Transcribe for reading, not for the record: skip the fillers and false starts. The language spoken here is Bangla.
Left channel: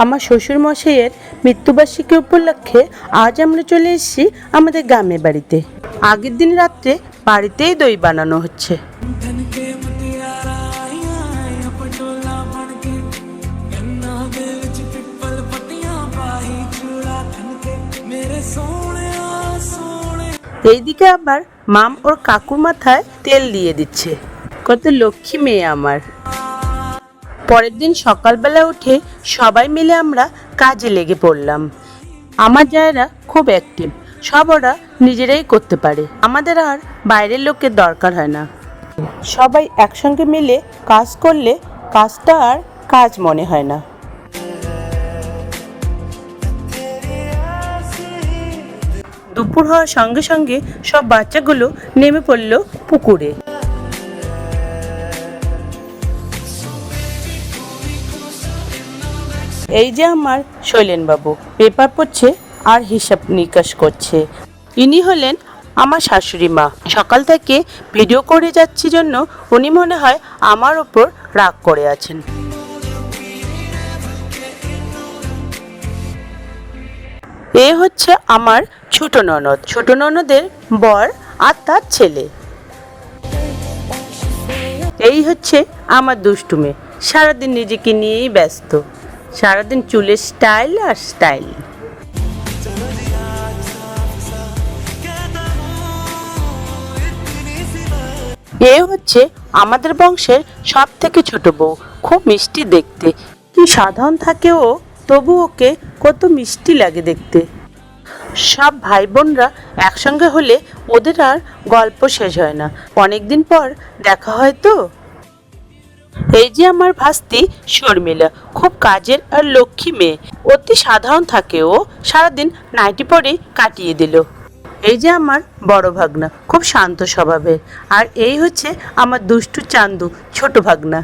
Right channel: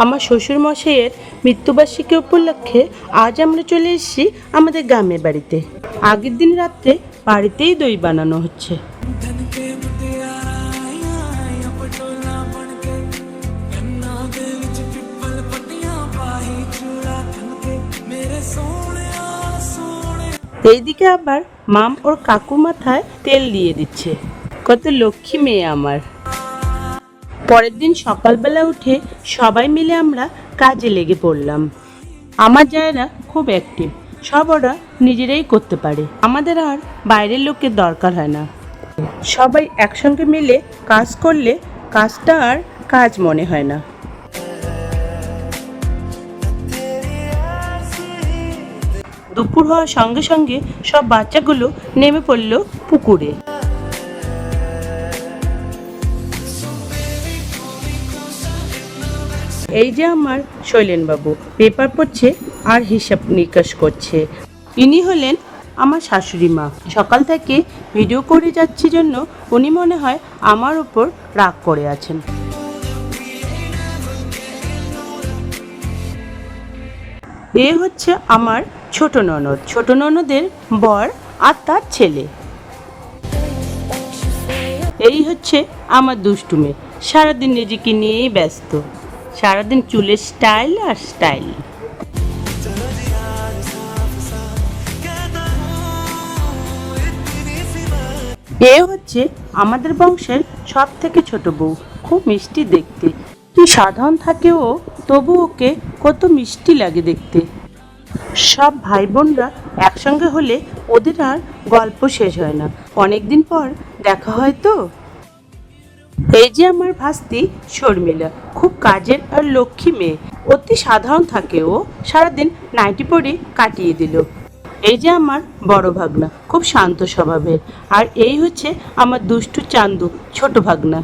আমার শ্বশুর মশাইয়ের মৃত্যুবার্ষিকী উপলক্ষে আজ আমরা চলে এসেছি আমাদের গ্রামের বাড়িতে। আগের দিন রাত্রে বাড়িতেই দই বানানো হচ্ছে। এইদিকে আবার মাম ওর কাকুর মাথায় তেল দিয়ে দিচ্ছে। কত লক্ষ্মী মেয়ে আমার। পরের দিন সকালবেলা উঠে সবাই মিলে আমরা কাজে লেগে পড়লাম। আমার জায়েরা খুব অ্যাক্টিভ, সব ওরা নিজেরাই করতে পারে, আমাদের আর বাইরের লোকের দরকার হয় না। সবাই একসঙ্গে মিলে কাজ করলে কাজটা আর কাজ মনে হয় না। দুপুর হওয়ার সঙ্গে সঙ্গে সব বাচ্চাগুলো নেমে পড়লো পুকুরে। এই যে আমার শৈলেন বাবু পেপার পড়ছে আর হিসাব নিকাশ করছে। ইনি হলেন আমার শাশুড়ি মা। সকাল থেকে ভিডিও করে যাচ্ছি জন্য উনি মনে হয় আমার ওপর রাগ করে আছেন। এ হচ্ছে আমার ছোট ননদ, ছোট ননদের বর আর তার ছেলে। এই হচ্ছে আমার দুষ্টু মেয়ে, সারাদিন নিজেকে নিয়েই ব্যস্ত, সারাদিন চুলের স্টাইল আর স্টাইল। এ হচ্ছে আমাদের বংশের সব থেকে ছোট বউ, খুব মিষ্টি দেখতে। কি সাধারণ থাকে ও, তবু ওকে কত মিষ্টি লাগে দেখতে। সব ভাই বোনরা একসঙ্গে হলে ওদের আর গল্প শেষ হয় না, অনেকদিন পর দেখা হয় তো। এই যে আমার ভাস্তি শর্মিলা, খুব কাজের আর লক্ষ্মী মেয়ে, অতি সাধারণ থাকে ও, সারাদিন নাইটি পরে কাটিয়ে দিল। এই যে আমার বড় ভাগনা, খুব শান্ত স্বভাবের, আর এই হচ্ছে আমার দুষ্টু চান্দু ছোট ভাগনা।